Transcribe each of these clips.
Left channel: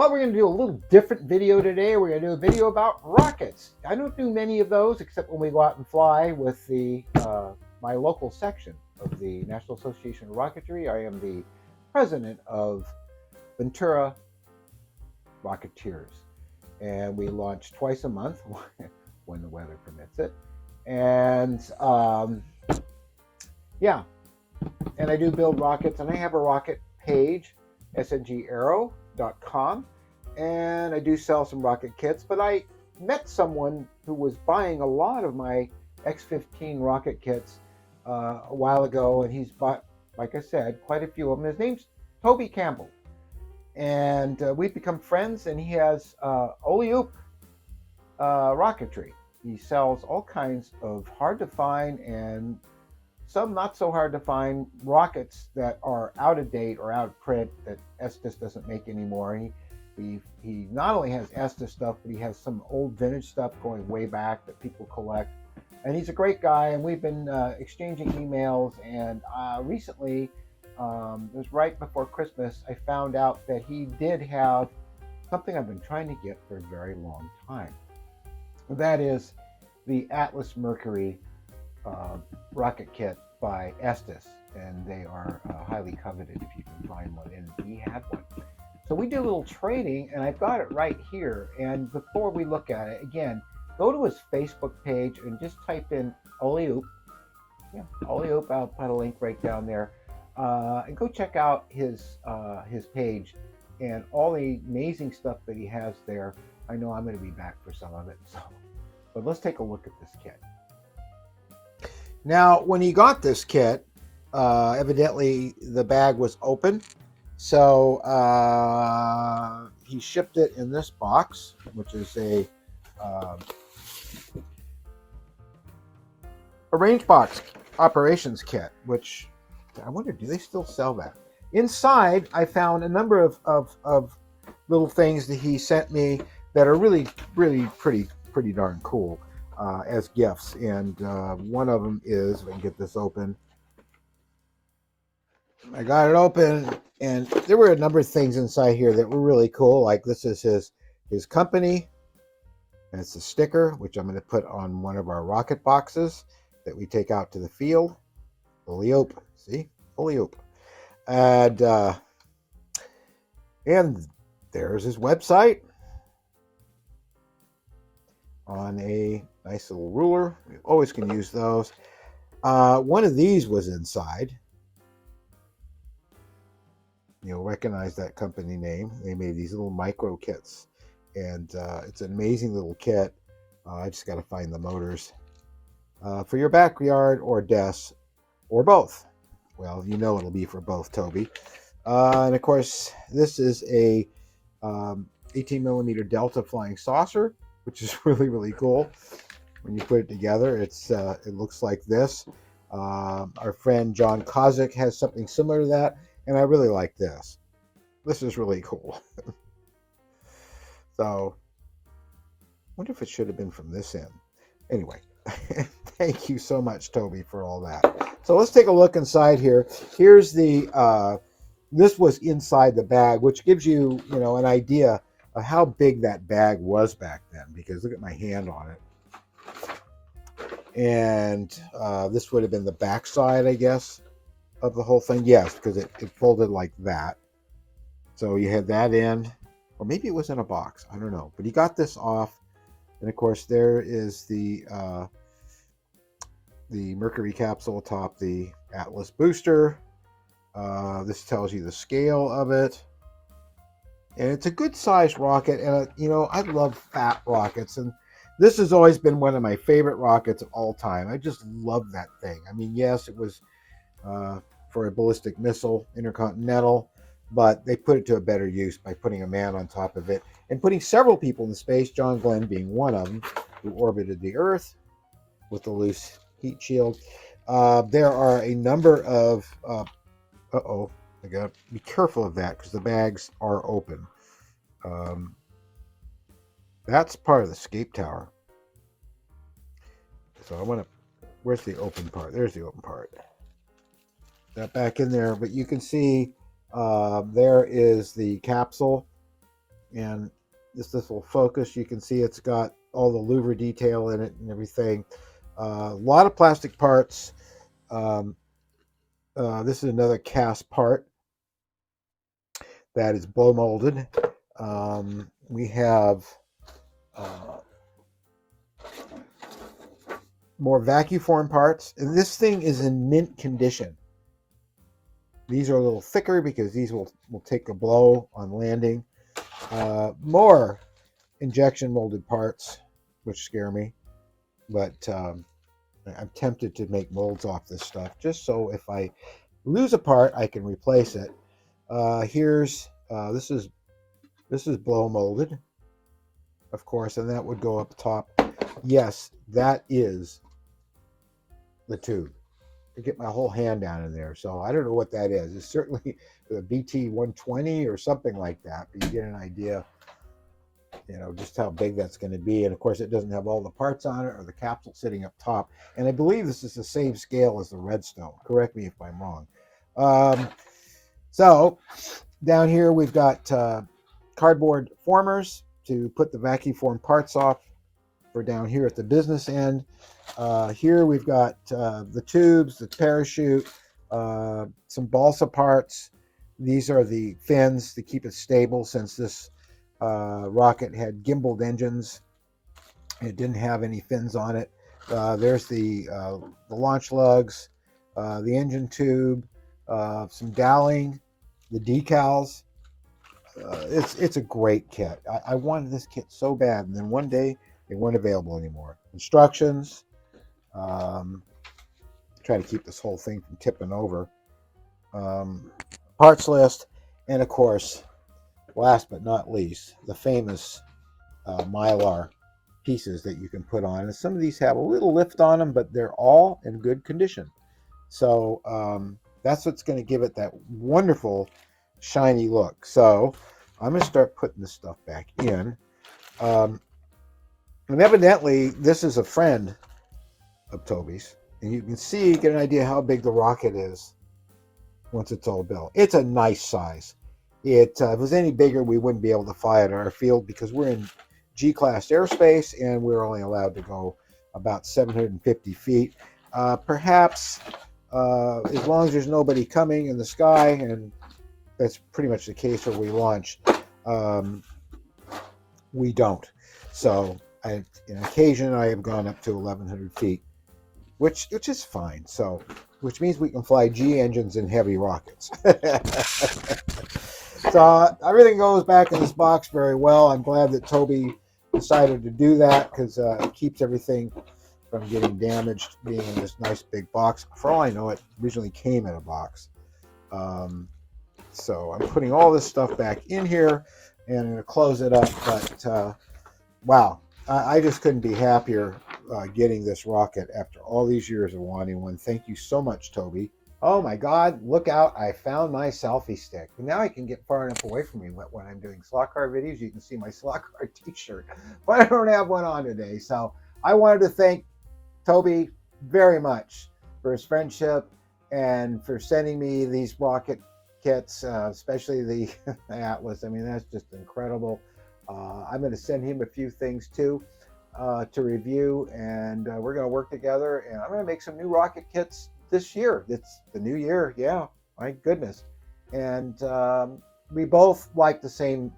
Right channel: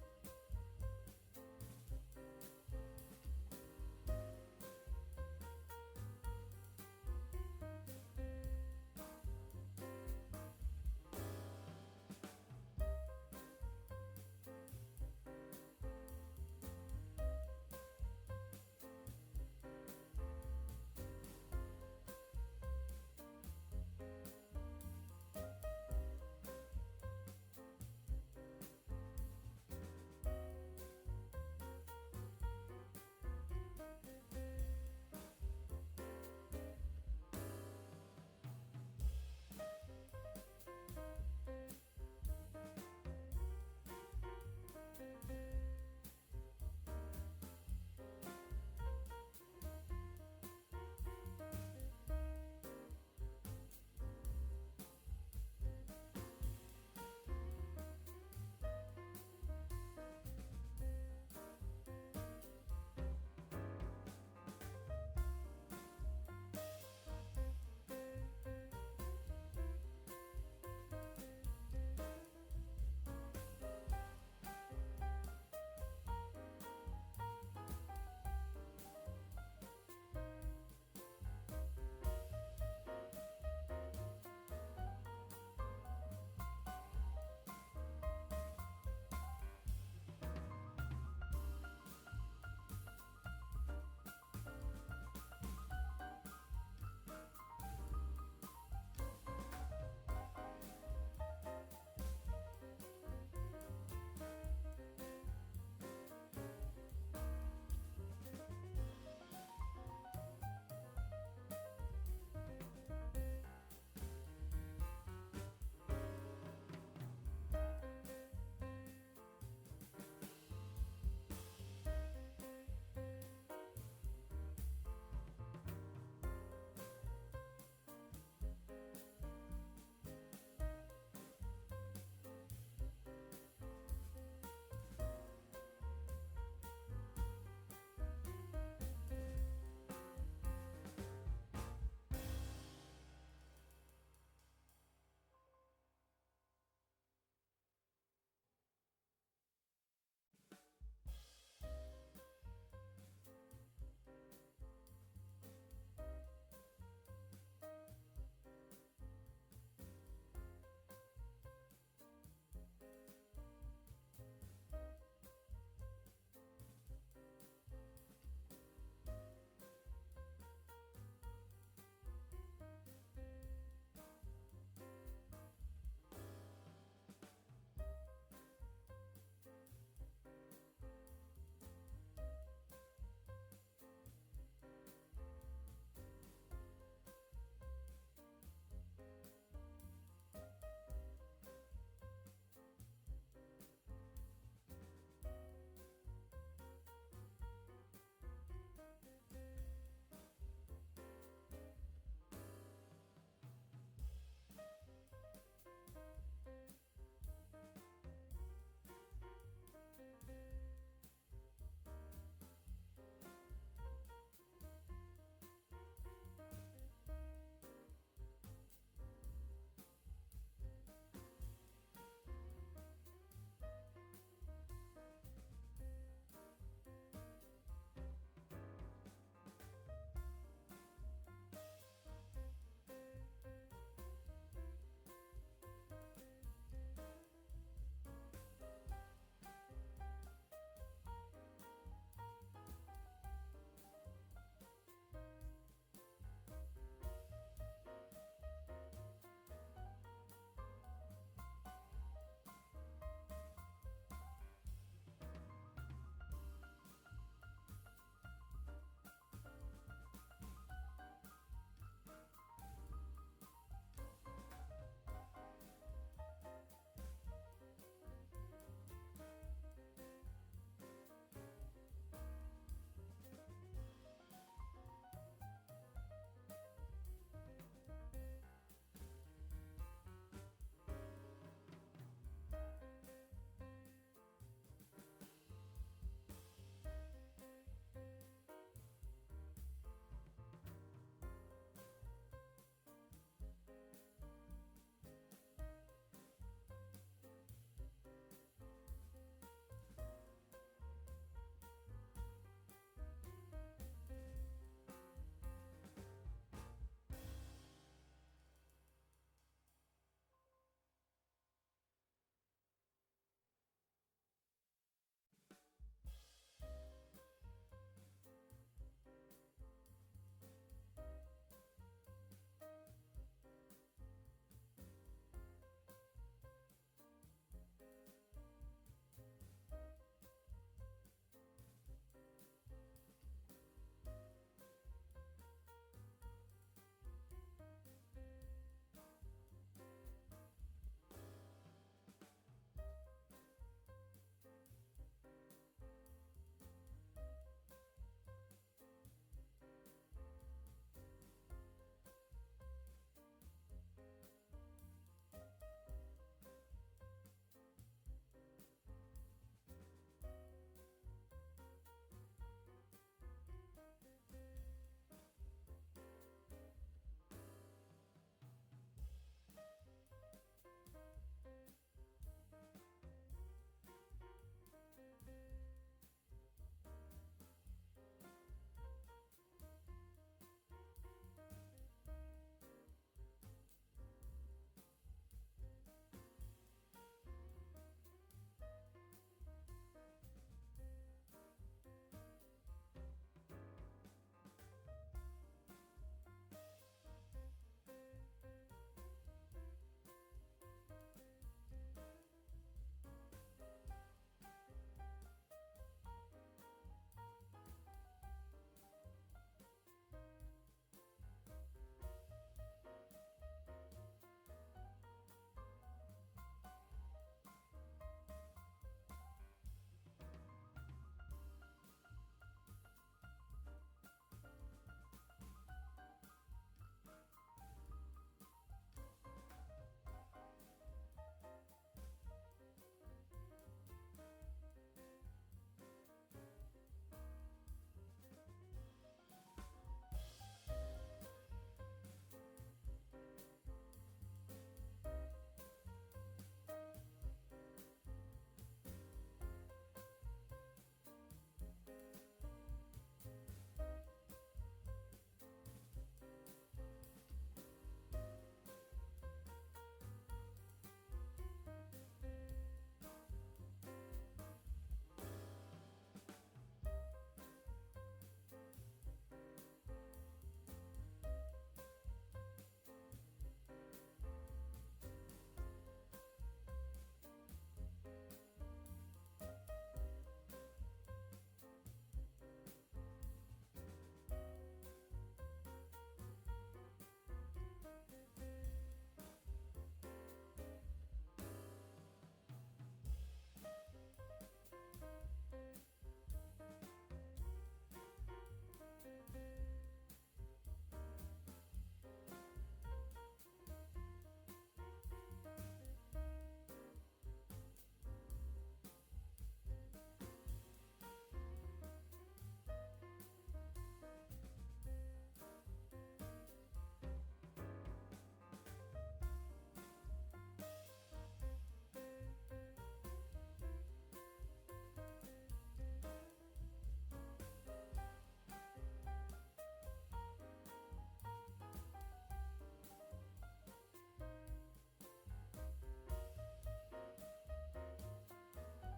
Well, we're going to do a little different video today. We're going to do a video about rockets. I don't do many of those except when we go out and fly with the my local section of the National Association of Rocketry. I am the president of Ventura Rocketeers, and we launch twice a month when the weather permits it. And yeah, and I do build rockets, and I have a rocket page, sngAero.com, and I do sell some rocket kits. But I met someone who was buying a lot of my X-15 rocket kits a while ago, and he's bought, like I said, quite a few of them. His name's Toby Campbell, and we've become friends. And he has Oleoop rocketry. He sells all kinds of hard to find and some not so hard to find rockets that are out of date or out of print that Estes doesn't make anymore. He not only has Estes stuff, but he has some old vintage stuff going way back that people collect. And he's a great guy, and we've been exchanging emails. And recently, it was right before Christmas, I found out that he did have something I've been trying to get for a very long time. That is the Atlas Mercury rocket kit by Estes, and they are highly coveted if you can find one, and he had one. So we did a little trading, and I've got it right here. And before we look at it, again, go to his Facebook page and just type in Oleoop. Yeah, Oleoop, I'll put a link right down there. And go check out his page and all the amazing stuff that he has there. I know I'm going to be back for some of it. So, but let's take a look at this kit. Now, when he got this kit, evidently the bag was open. So he shipped it in this box, which is a range box operations kit, which I wonder, do they still sell that? Inside, I found a number of little things that he sent me that are really pretty darn cool as gifts. And one of them is, if I can get this open, I got it open, and there were a number of things inside here that were really cool. Like this is his company, and it's a sticker which I'm going to put on one of our rocket boxes that we take out to the field. Oleoop, see, Oleoop, and there's his website on a nice little ruler. We always can use those. One of these was inside. You'll recognize that company name. They made these little micro kits, and it's an amazing little kit. I just got to find the motors for your backyard or desk or both. Well, you know it'll be for both, Toby. And of course, this is a 18 millimeter Delta flying saucer, which is really cool. When you put it together, it looks like this. Our friend John Kozik has something similar to that, and I really like this. This is really cool. So, I wonder if it should have been from this end. Anyway, thank you so much, Toby, for all that. So let's take a look inside here. Here's the, this was inside the bag, which gives you, an idea of how big that bag was back then, because look at my hand on it. And this would have been the back side, I guess, of the whole thing. Yes, because it folded like that. So you had that in, or maybe it was in a box. I don't know. But he got this off. And of course, there is the Mercury capsule atop the Atlas booster. This tells you the scale of it. And it's a good sized rocket. And, I love fat rockets. And this has always been one of my favorite rockets of all time. I just love that thing. I mean, yes, it was for a ballistic missile, intercontinental, but they put it to a better use by putting a man on top of it and putting several people in space, John Glenn being one of them, who orbited the Earth with the loose heat shield. There are a number of, I gotta be careful of that because the bags are open. That's part of the escape tower. So I want to, where's the open part? There's the open part. That back in there, but you can see there is the capsule And this will focus. You can see it's got all the louver detail in it and everything. A lot of plastic parts. Um, this is another cast part that is blow molded. We have uh, more vacuum form parts, and this thing is in mint condition. These are a little thicker because these will take a blow on landing. More injection molded parts, which scare me, but I'm tempted to make molds off this stuff just so if I lose a part, I can replace it. Here's this is blow molded, of course, and that would go up top. Yes, that is the tube. To get my whole hand down in there. So I don't know what that is. It's certainly the BT 120 or something like that, but you get an idea, just how big that's going to be. And of course, it doesn't have all the parts on it or the capsule sitting up top. And I believe this is the same scale as the Redstone. Correct me if I'm wrong. So down here, we've got cardboard formers to put the vacuum form parts off for down here at the business end. Here we've got the tubes, the parachute, some balsa parts. These are the fins to keep it stable since this rocket had gimbaled engines. It didn't have any fins on it. There's the launch lugs, the engine tube, some doweling, the decals. It's a great kit. I wanted this kit so bad, and then one day they weren't available anymore. Instructions. Try to keep this whole thing from tipping over. Parts list, and of course, last but not least, the famous Mylar pieces that you can put on. And some of these have a little lift on them, but they're all in good condition. So that's what's going to give it that wonderful shiny look. So I'm going to start putting this stuff back in. And evidently, this is a friend of Toby's. And you can see, get an idea how big the rocket is once it's all built. It's a nice size. If it was any bigger, we wouldn't be able to fly it in our field because we're in G-class airspace and we're only allowed to go about 750 feet. Perhaps as long as there's nobody coming in the sky, and that's pretty much the case where we launch, we don't. So on occasion, I have gone up to 1,100 feet, which is fine. So, which means we can fly G engines in heavy rockets. So everything goes back in this box very well. I'm glad that Toby decided to do that because it keeps everything from getting damaged being in this nice big box. For all I know, it originally came in a box. So I'm putting all this stuff back in here and I'm going to close it up. But wow, I just couldn't be happier getting this rocket after all these years of wanting one. Thank you so much, Toby. Oh my God, look out. I found my selfie stick. And now I can get far enough away from you when I'm doing slot car videos. You can see my slot car t-shirt, but I don't have one on today. So I wanted to thank Toby very much for his friendship and for sending me these rocket kits, especially the Atlas. I mean, that's just incredible. I'm going to send him a few things too to review, and we're going to work together. And I'm going to make some new rocket kits this year. It's the new year. Yeah, my goodness. And we both like the same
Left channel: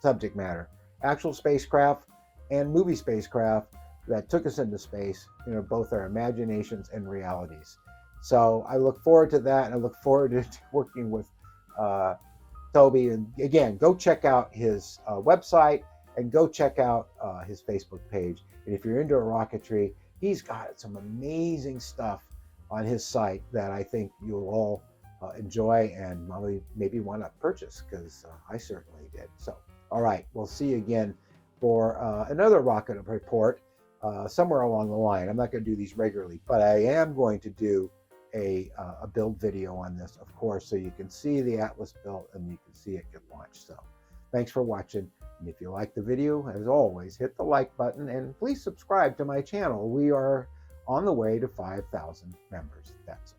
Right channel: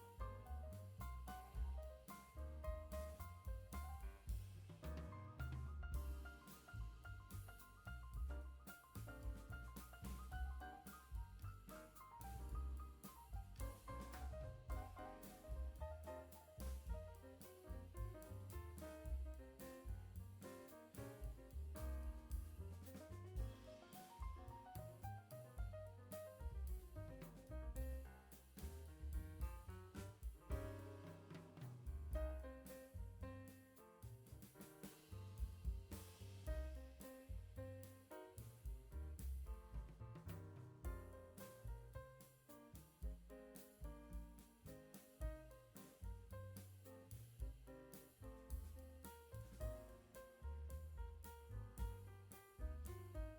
subject matter: actual spacecraft and movie spacecraft that took us into space. Both our imaginations and realities. So I look forward to that, and I look forward to working with Toby. And again, go check out his website and go check out his Facebook page. And if you're into rocketry, he's got some amazing stuff on his site that I think you'll all enjoy and maybe want to purchase, because I certainly did. So, all right, we'll see you again for another rocket report somewhere along the line. I'm not going to do these regularly, but I am going to do a build video on this, of course, so you can see the Atlas built and you can see it get launched. So thanks for watching. And if you like the video, as always, hit the like button and please subscribe to my channel. We are on the way to 5,000 members. That's